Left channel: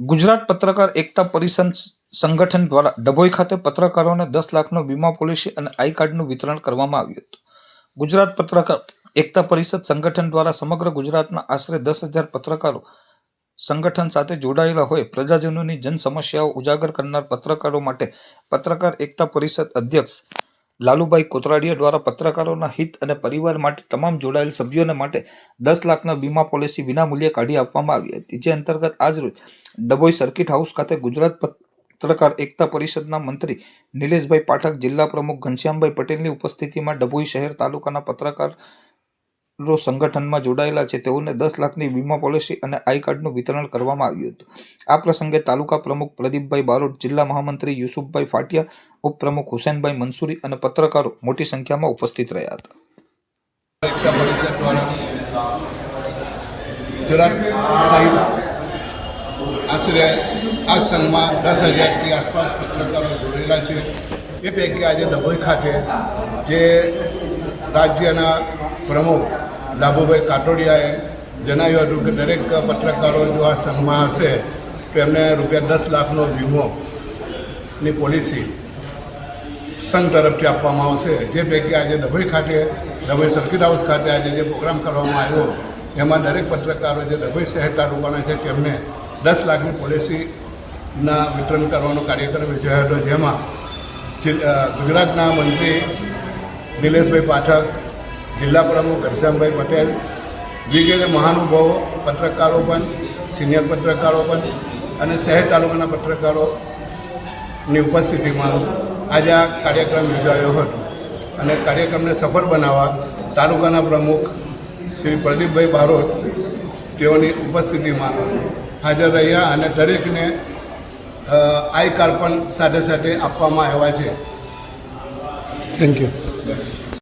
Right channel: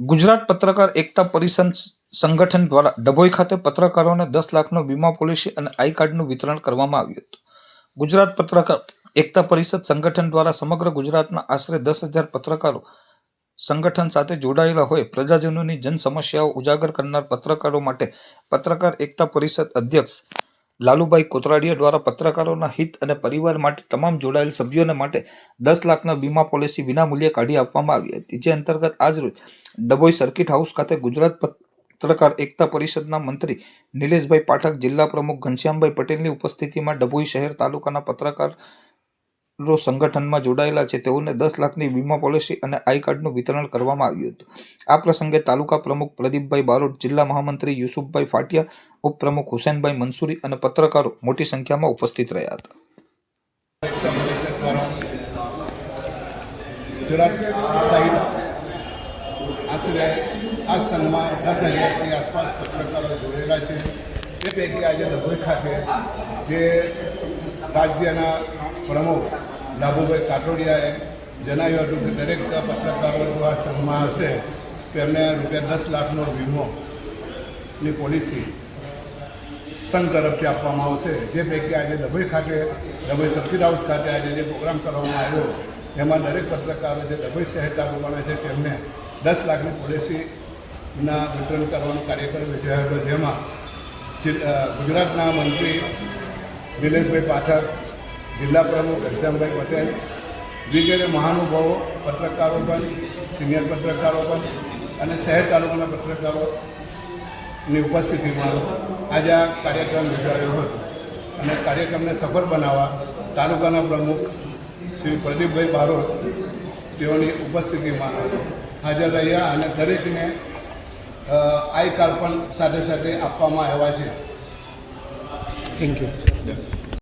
ગુજરાત પત્રકાર એકતા પરિષદ સંગઠન દ્વારા ડભોઈ ખાતે પત્રકારોને 10 લાખનો વીમા પોલિસી અને આઈ કાર્ડનું વિતરણ કરવામાં આવ્યું હતું. ગુજરાત પત્રકાર એકતા પરિષદ સંગઠન દ્વારા સમગ્ર ગુજરાતના આશરે 10,000 પત્રકારો સંગઠન સાથે જોડાયેલા હોય પ્રજાજનોની જન સમસ્યાઓ ઉજાગર કરનાર પત્રકારો માટે પત્રકાર એકતા પરિષદ અધ્યક્ષ લાલુભાઈ કોતરાડિયા દ્વારા પત્રકારોના હિત અને પરિવાર માટે તમામ જોડાયેલ સભ્યોને માટે 10 લાખના વીમા પોલિસી વિનામૂલ્યે કાઢી આપવામાં આવી હતી. જે અંતર્ગત આજરોજ ડભોઈ સર્કિટ હાઉસ ખાતે ગુજરાત પત્રકાર એકતા પરિષદના મંત્રી નિલેશભાઈ પાઠક, જિલ્લા પ્રમુખ ઘનશ્યામભાઈ પટેલની ઉપસ્થિતિમાં ડભોઈ શહેર તાલુકાના પત્રકારો સંગઠનમાં જોડાયેલા છે તેઓને 10 લાખની વીમા પોલિસી અને આઈ કાર્ડનું વિતરણ કરવામાં આવ્યું હતું. આ પ્રસંગે તાલુકા પ્રમુખ પ્રદીપભાઈ બારોટ, જિલ્લા મહામંત્રી યુસુફભાઈ ફાટિયા, ઉપપ્રમુખ હુસેનભાઈ મંસૂરી અને પત્રકારો મોટી સંખ્યામાં ઉપસ્થિત રહ્યા હતા. આશરે આ સંઘમાં 10,000ની આસપાસ પત્રકારો જોડાયેલા છે. એ પૈકી આજે ડભોઈ ખાતે જે રાજ્યના પ્રમુખ લાભુભાઈ કાટોડિયાએ જણાવ્યું હતું કે દરેક પત્રકારો જો આ સંઘમાં હશે તો એમને ₹10 લાખનો વીમોની પોલિસી સંઘ તરફથી આપવામાં આવશે. જે પૈકી આજે ડભોઈ સર્કિટ હાઉસ ખાતે આજે જે પ્રોગ્રામ કરવામાં આવ્યો એમાં દરેક પત્રકારો જે ડભોઈ શહેર તાલુકાના છે તેમને 10 લાખની પોલિસીના વિતરણ કરવાનો કાર્યક્રમ યોજાયો હતો. જેમાં ગુજરાતના મંત્રી નિલેશભાઈ પાઠક, જિલ્લા પ્રમુખ ઘનશ્યામભાઈ પટેલ વગેરે મહાનુભાવો, પત્રકારો પણ, સિનિયર પત્રકારો પણ અને શહેર તાલુકાના પત્રકારોની ઉપસ્થિતિમાં આજે આ કાર્યક્રમ યોજાયો હતો. અને કાર્યક્રમને સફળ બનાવવા તાલુકાના પ્રમુખ શ્રી પ્રદીપભાઈ બારોટ તેઓની ઉપસ્થિતિમાં હાજર રહ્યા અને દરેકને આઈ કાર્ડ પણ સાથે સાથે આપવામાં આવ્યા છે. Thank you.